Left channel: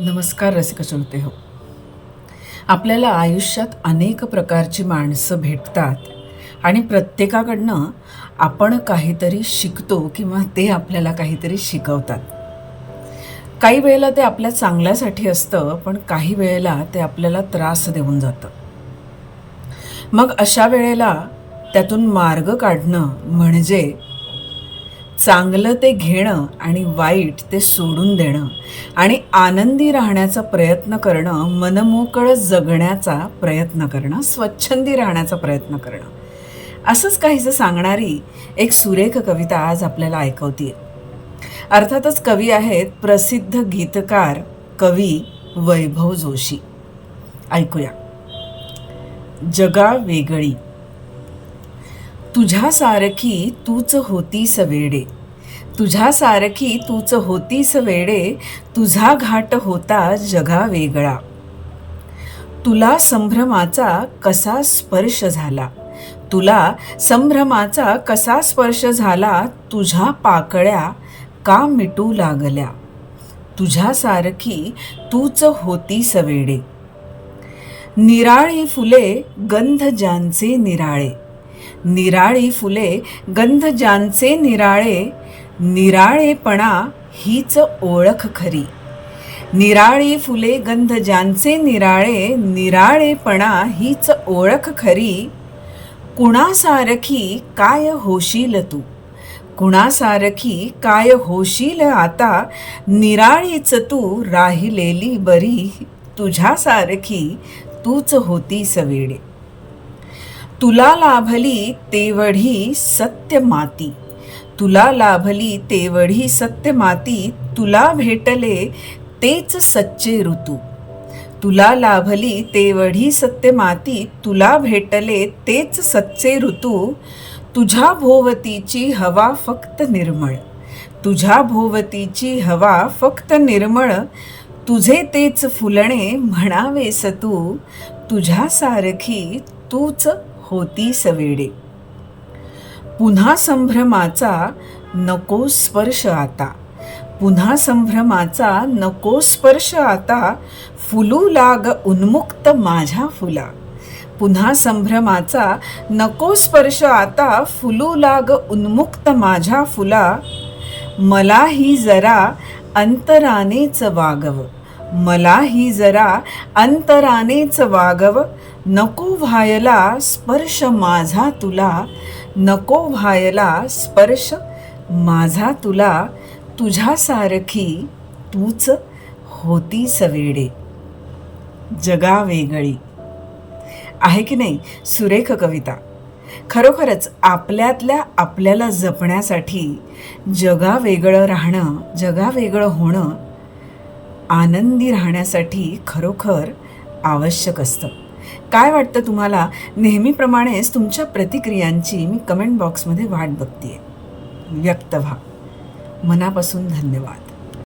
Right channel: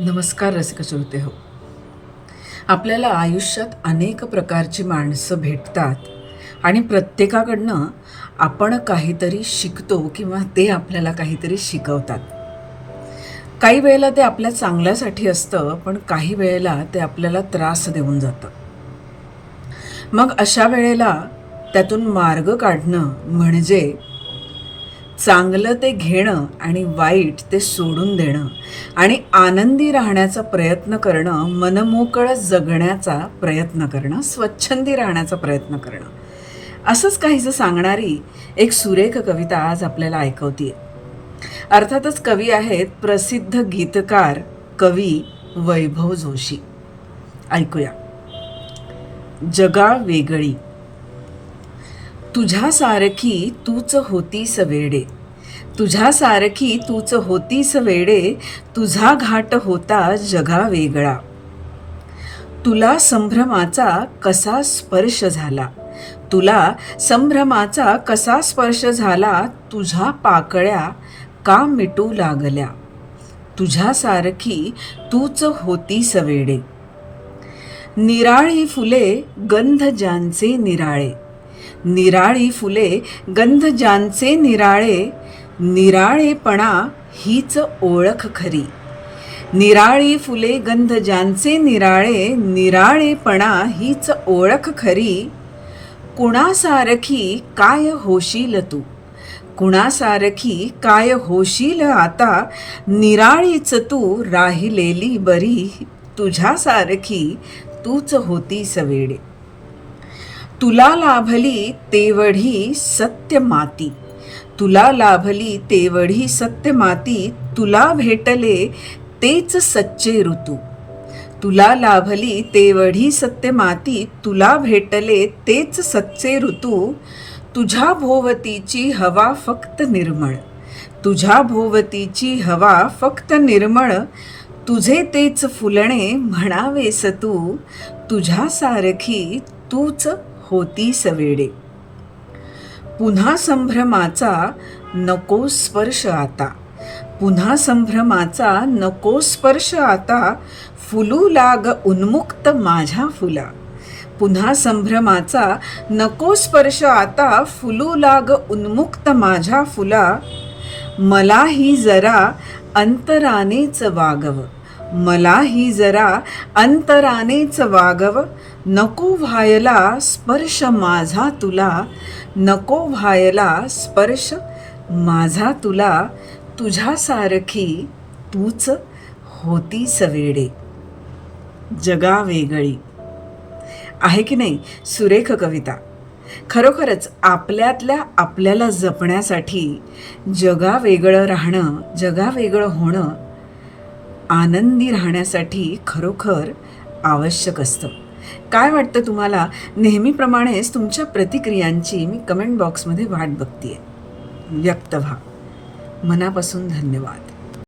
नमस्कार रसिक श्रोते हो. आपल्याला आयुष्यात अनेक प्रकारची माणसं भेटतात आणि प्रत्येकाकडनं आपण काहीतरी शिकतो किंवा ते आपल्याला काहीतरी शिकवतात. काही वेळेला ते आपल्या चांगल्यासाठी असतं, पण काही वेळेला ते आपल्याला त्रास देऊन जातं. मग अशा वेळेला त्यातून मार्ग काढणं म्हणजे चांगलं ते घेणं आणि वाईट ते सोडून देणं आणि आनंदी राहण्याचा प्रयत्न करणं, मनमोकळं जगण्याचा प्रयत्न करणं, स्वच्छंदी राहण्याचा प्रयत्न करणं. असंच काहीसं सांगणारी एक सुरेख कविता आज आपल्याला ऐकवतीये. अर्थातच कवी आहेत प्रसिद्ध गीतकार कवी वैभव जोशी. ऐकूया. जगा वेगळी. तुझ्यासारखी तूच होतीस वेडे, तुझ्यासारखी तूच होतीस वेडे, तुझा घाट होता जगा वेगळा. तुला संभ्रमाचा कसा स्पर्श झाला, तुला संभ्रमाचा कसा स्पर्श झाला, तुझ्या पाकळ्या का मिटू लागल्या. तुझ्यासारखी तूच होतीस वेडे. निराळी फुले गंध ज्यांचे निराळे, निराळी फुले गंध ज्यांचे निराळे, निराळेपणा हीच ओळख खरी. निराळी फुले गंध ज्यांचे निराळे, निराळेपणा हीच ओळख खरी. कुणासारखी काय होशील तू, कुणासारखी काय होशील आता, निराळीच तू राहिलेली बरी. तुझ्यासारखी तूच होतीस वेडे. तुला लाभली तेवढी सत्य माती, तुला लाभली तेवढी सत्य माती, तुला भेटले तेच सच्चे ऋतू. तुला लाभली तेवढी सत्य माती, तुला भेटले तेच सच्चे ऋतू. तुझ्या भोवतीची हवा फक्त निर्मळ, तुझ्या भोवतीची हवा फक्त निर्मळ, तुझे तेच फुलणे म्हणावेस तू. तुझ्यासारखी तूच होतीस वेडे. पुन्हा संभ्रमाचा नको स्पर्श आता, पुन्हा संभ्रमाचा नको स्पर्श आता, फुलू लाग उन्मुक्त माझ्या फुला. पुन्हा संभ्रमाचा नको स्पर्श आता, फुलू लाग उन्मुक्त माझ्या फुला. मलाही जरा अंतरानेच वागव, मलाही जरा अंतरानेच वागव, नको व्हायला स्पर्श माझा तुला, नको व्हायला स्पर्श माझा तुला. तुझ्यासारखी तूच होतीस वेडे. जगा वेगळी. आहे की नाही सुरेख कविता. खरोखरच आपल्यातल्या आपल्याला जपण्यासाठी जगावेगळं राहणं, जगावेगळं होणं, आनंदी राहण्यासाठी खरोखर आवश्यक असतं. काय वाटतं तुम्हाला? नेहमीप्रमाणेच तुमच्या प्रतिक्रियांची मी कमेंट बॉक्समध्ये वाट बघतेय. व्यक्त व्हा. मनापासून धन्यवाद.